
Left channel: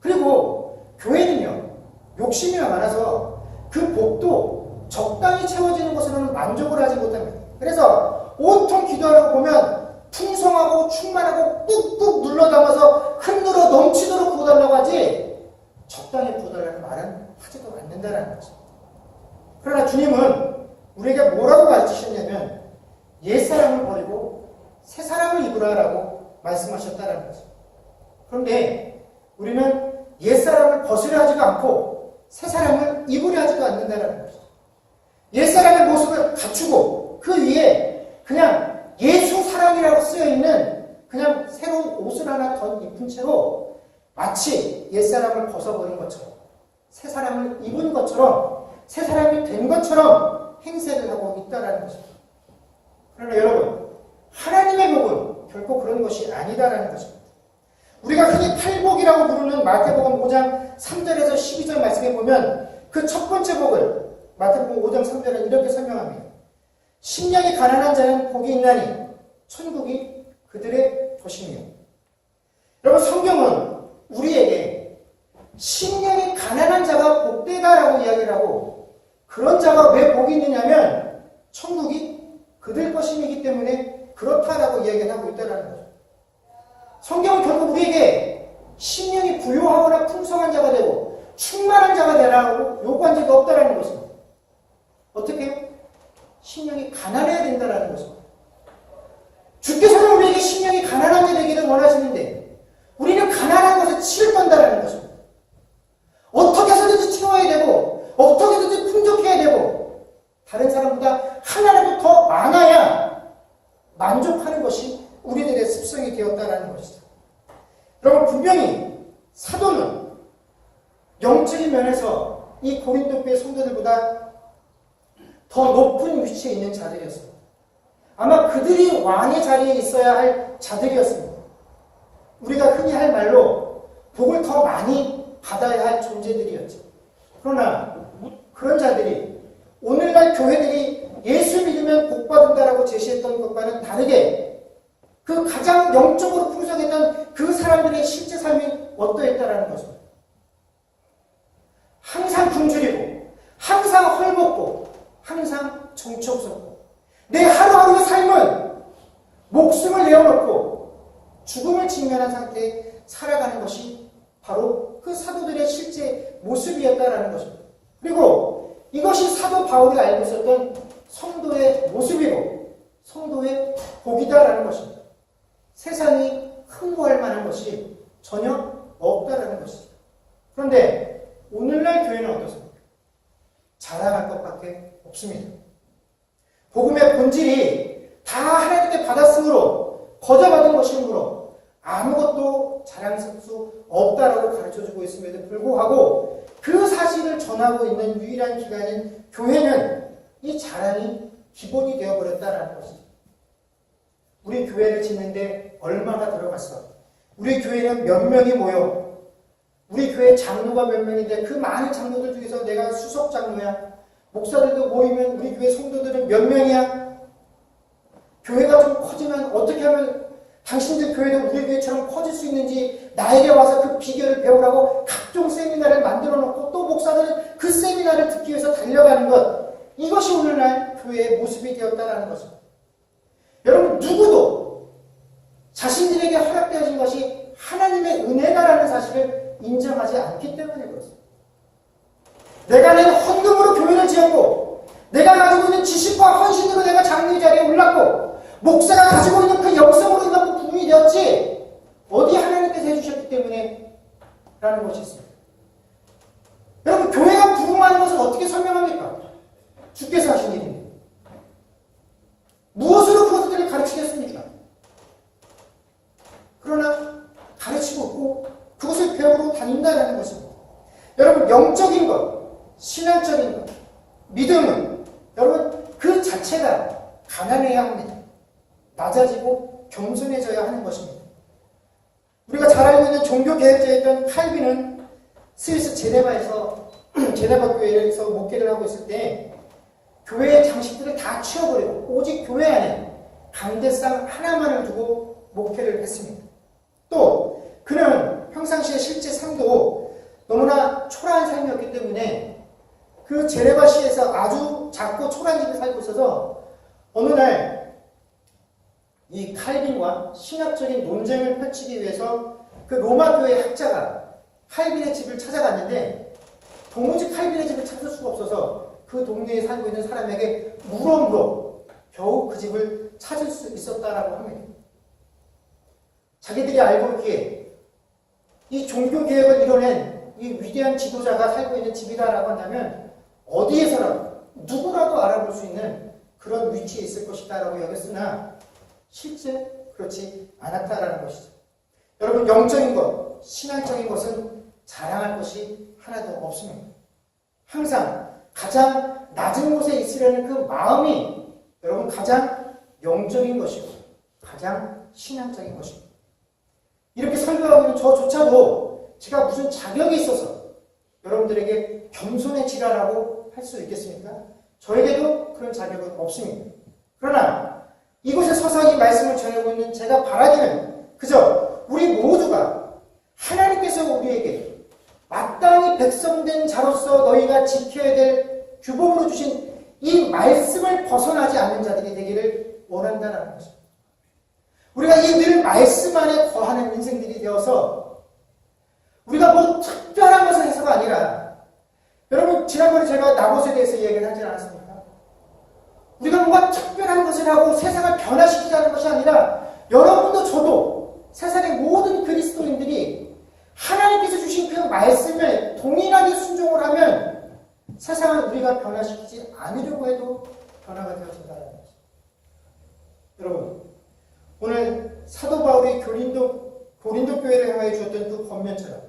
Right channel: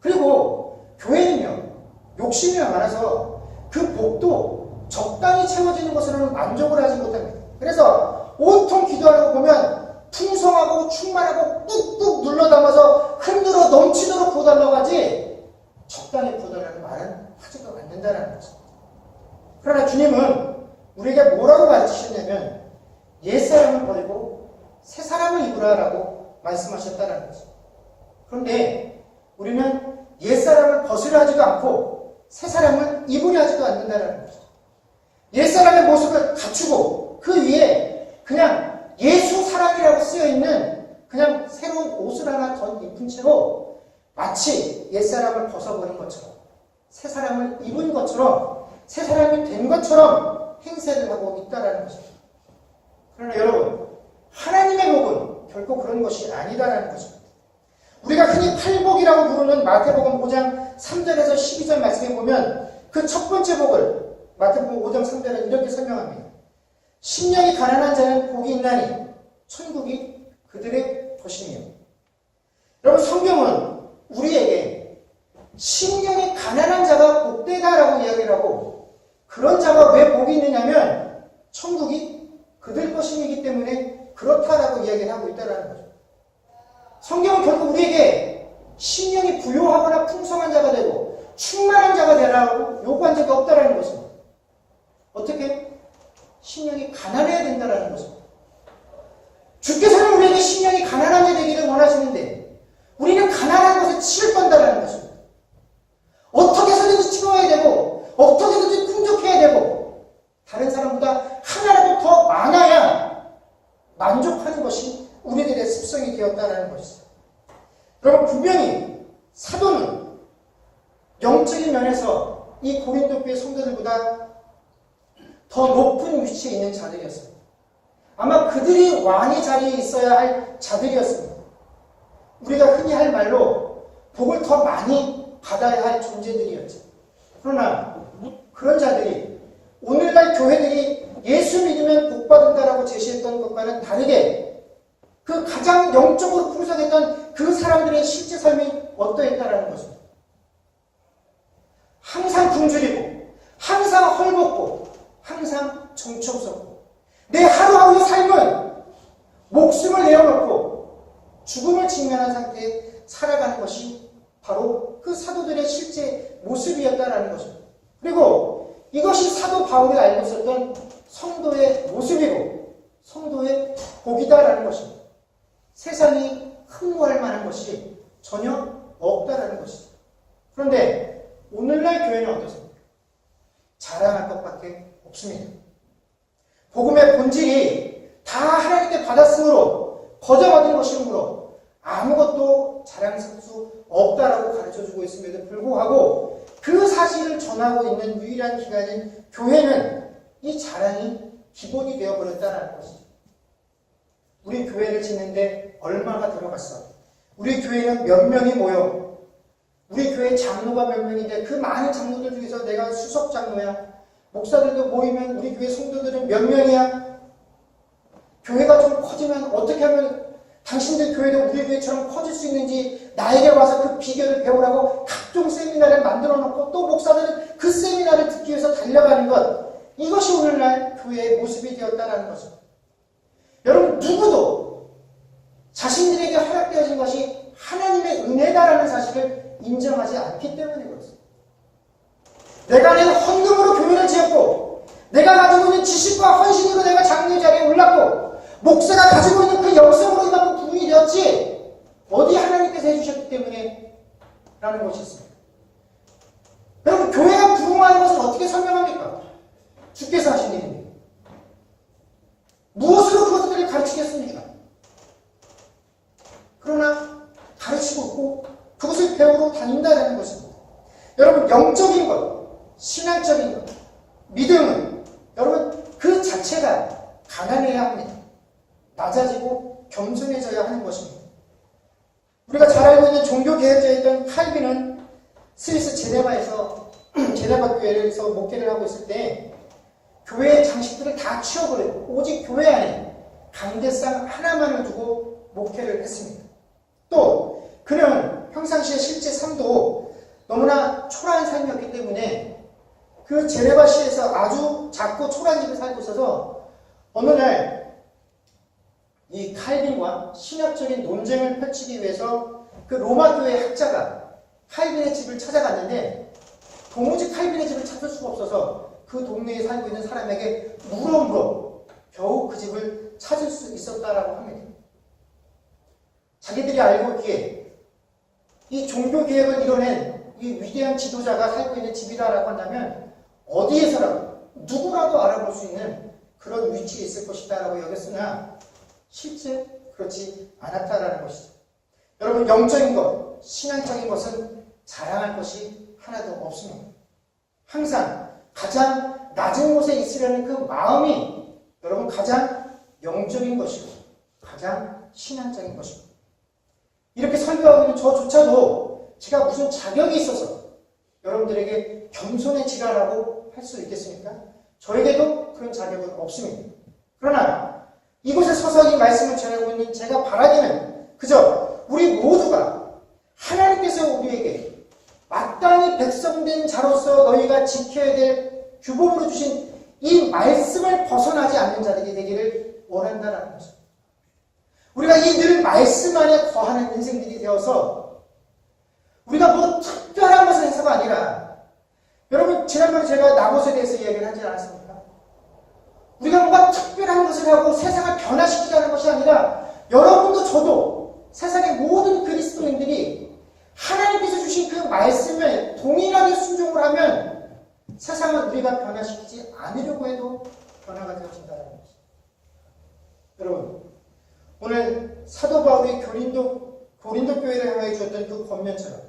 그리고 교회는요, 욕심이 많아서 그 복도 적당히 채워지는 것으로는 만족을 하지 못합니다. 그래서 온통 기도하려고 보면 풍성하고 충만하고 뚝뚝 눌러담아서 흔들어 넘치도록 부어달라고 하지 적당히 부어달라는 말은 하지도 않는다는 거죠. 그러나 주님은 우리에게 뭐라고 가르치셨냐면 옛사람을 버리고 새사람을 입으라라고 말씀하셨다는 거죠. 그런데 우리는 옛사람을 벗으려 하지도 않고 새사람을 입으려 하지도 않는다는 거죠. 옛사람의 모습을 갖추고 그 위에 그냥 예수 사랑이라고 쓰여있는 그냥 새로운 옷을 하나 더 입은 채로 마치 옛사람을 벗어버린 것처럼 새사람을 입은 것처럼 새사람이 된 것처럼 행세를 하고 있다는 것입니다. 그러나 여러분, 하나님의 복은 결코 그런 것이 아니다라는 것입니다. 우리가 흔히 팔복이라고 부르는 마태복음 5장 3절에서 12절 말씀에 보면 그 첫 번째 복을 마태복음 5장 3절에 이렇게 설명합니다. 심령이 가난한 자는 복이 있나니 천국이 그들의 것이며. 여러분, 성경은 우리에게 심령이 가난한 자가 복되다라고 이야기를 하고 그런 자가 왜 복이 있느냐면 천국이 그들 것이기 때문에 그렇다라고 이야기를 하고 있다는 거죠. 성경은 결국 우리에게 심령이 부유하거나 풍성한 자가 되고 충만한 자가 되라고 요구한 적이 없다라는 것입니다. 어떻게? 심령이 가난해야 된다라는 것입니다. 주께서는 우리에게 심령이 가난한 자 되기를 원하시는데 우리는 가난한 것에 치를 떤다라는 것입니다. 어떻게 해서든지 채워야 되고 어떻게 해서든지 풍족해야 되고 다른 사람보다 하나라도 더 많아야 만족하는 것이 우리들의 습성이 되었다라는 것입니다. 여러분, 분명히 사도는 영적인 면에서 이 고린도 교회 성도들보다 더 높은 위치에 있는 자들이었습니다. 아마 그들이 왕의 자리에 있어야 할 자들이었습니다. 우리가 흔히 할 말로 복을 더 많이 받아야 할 존재들이었죠. 그러나 그런 자들이 오늘날 교회들이 예수 믿으면 복 받는다라고 제시했던 것과는 다르게 그 가장 영적으로 풍성했던 그 사람들의 실제 삶이 어떠했다라는 것입니다. 항상 굶주리고 항상 헐벗고 항상 정처 없었고 내 하루하루의 삶은 목숨을 내어놓고 죽음을 직면한 상태에 살아가는 것이 바로 그 사도들의 실제 모습이었다라는 것입니다. 그리고 이것이 사도 바울이 알고 있었던 성도의 모습이고 성도의 복이다라는 것입니다. 세상이 흠모할 만한 것이 전혀 없다라는 것입니다. 그런데 오늘날 교회는 어떻습니까? 자랑할 것밖에 없습니다. 복음의 본질이 다 하나님께 받았으므로 거저받은 것이므로 아무것도 자랑할 수 없다라고 가르쳐주고 있음에도 불구하고 그 사실을 전하고 있는 유일한 기관인 교회는 이 자랑이 기본이 되어버렸다는 것이죠. 우리 교회를 짓는데 얼마나 들어갔어? 우리 교회는 몇 명이 모여? 우리 교회 장로가 몇 명인데 그 많은 장로들 중에서 내가 수석 장로야? 목사들도 모이면 우리 교회 성도들은 몇 명이야? 교회가 좀 커지면 어떻게 하면 당신들 교회도 우리 교회처럼 커질 수 있는지 나에게 와서 그 비결을 배우라고 각종 세미나를 만들어 놓고 또 목사들은 그 세미나를 듣기 위해서 달려가는 것, 이것이 오늘날 교회의 모습이 되었다는 것입니다. 여러분, 누구도 자신들에게 허락되어진 것이 하나님의 은혜다라는 사실을 인정하지 않기 때문에 그렇습니다. 내가 내 헌금으로 교회를 지었고 내가 가지고 있는 지식과 헌신으로 내가 장로의 자리에 올랐고 목사가 가지고 있는 그 영성으로 이만큼 부흥이 되었지 어디 하나님께서 해주셨기 때문에 라는 것이 있습니다. 여러분, 교회가 부흥하는 것을 어떻게 설명합니까? 주께서 하신 일입니다. 무엇으로 그것들을 가르치겠습니까? 그러나 가르치고 있고 그것을 배우러 다닌다는 것입니다. 여러분, 영적인 것, 신앙적인 것, 믿음은 여러분 그 자체가 가난해야 합니다. 낮아지고 겸손해져야 하는 것입니다. 우리가 잘 알고 있는 종교개혁자였던 칼빈은 스위스 제네바에서 제네바 교회에서 목회를 하고 있을 때 교회의 장식들을 다 치워버리고 오직 교회 안에 강대상 하나만을 두고 목회를 했습니다. 또 그는 평상시에 실제 삶도 너무나 초라한 삶이었기 때문에 그 제네바시에서 아주 작고 초라한 집에 살고 있어서 어느 날 이 칼빈과 신학적인 논쟁을 펼치기 위해서 그 로마 교회 학자가 칼빈의 집을 찾아갔는데 도무지 칼빈의 집을 찾을 수가 없어서 그 동네에 살고 있는 사람에게 물어 겨우 그 집을 찾을 수 있었다라고 합니다. 자기들이 알고 있기에 이 종교개혁을 이뤄낸 이 위대한 지도자가 살고 있는 집이다라고 한다면 어디에서라도 누구라도 알아볼 수 있는 그런 위치에 있을 것이다라고 여겼으나 실제 그렇지 않았다라는 것이죠. 여러분, 영적인 것, 신앙적인 것은 자랑할 것이 하나도 없습니다. 항상 가장 낮은 곳에 있으려는 그 마음이 여러분 가장 영적인 것이고 가장 신앙적인 것입니다. 이렇게 설교하고 있는 저조차도 제가 무슨 자격이 있어서 여러분들에게 겸손해지라라고 할 수 있겠습니까? 저에게도 그런 자격은 없습니다. 그러나 이곳에 서서 이 말씀을 전하고 있는 제가 바라기는 그저 우리 모두가 하나님께서 우리에게 마땅히 백성된 자로서 너희가 지켜야 될 규범으로 주신 이 말씀을 벗어나지 않는 자들이 되기를 원한다는 것입니다. 우리가 이 늘 말씀 안에 거하는 인생들이 되어서 우리가 뭐 특별한 것을 해서가 아니라, 여러분 지난번에 제가 나봇에 대해서 얘기를 하지 않았습니까? 우리가 뭔가 특별한 것을 하고 세상을 변화시키자는 것이 아니라 여러분도 저도 세상의 모든 그리스도인들이 하나님께서 주신 그 말씀을 동일하게 순종을 하면 세상을 우리가 변화시키지 않으려고 해도 변화가 되어진다는 것입니다. 여러분, 오늘 사도 바울이 고린도 교회를 향해 주었던 그 권면처럼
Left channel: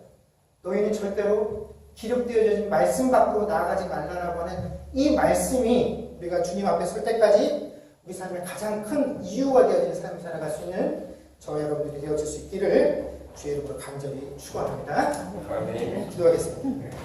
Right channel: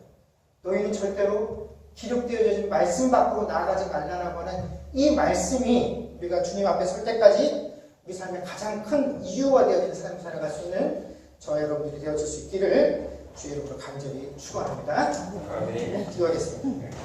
너희는 절대로 기록되어진 말씀 밖으로 나아가지 말라라고 하는 이 말씀이 우리가 주님 앞에 설 때까지 우리 삶의 가장 큰 이유가 되어진 삶을 살아갈 수 있는 저와 여러분들이 되어질 수 있기를 주의 이름으로 간절히 축원합니다. 기도하겠습니다.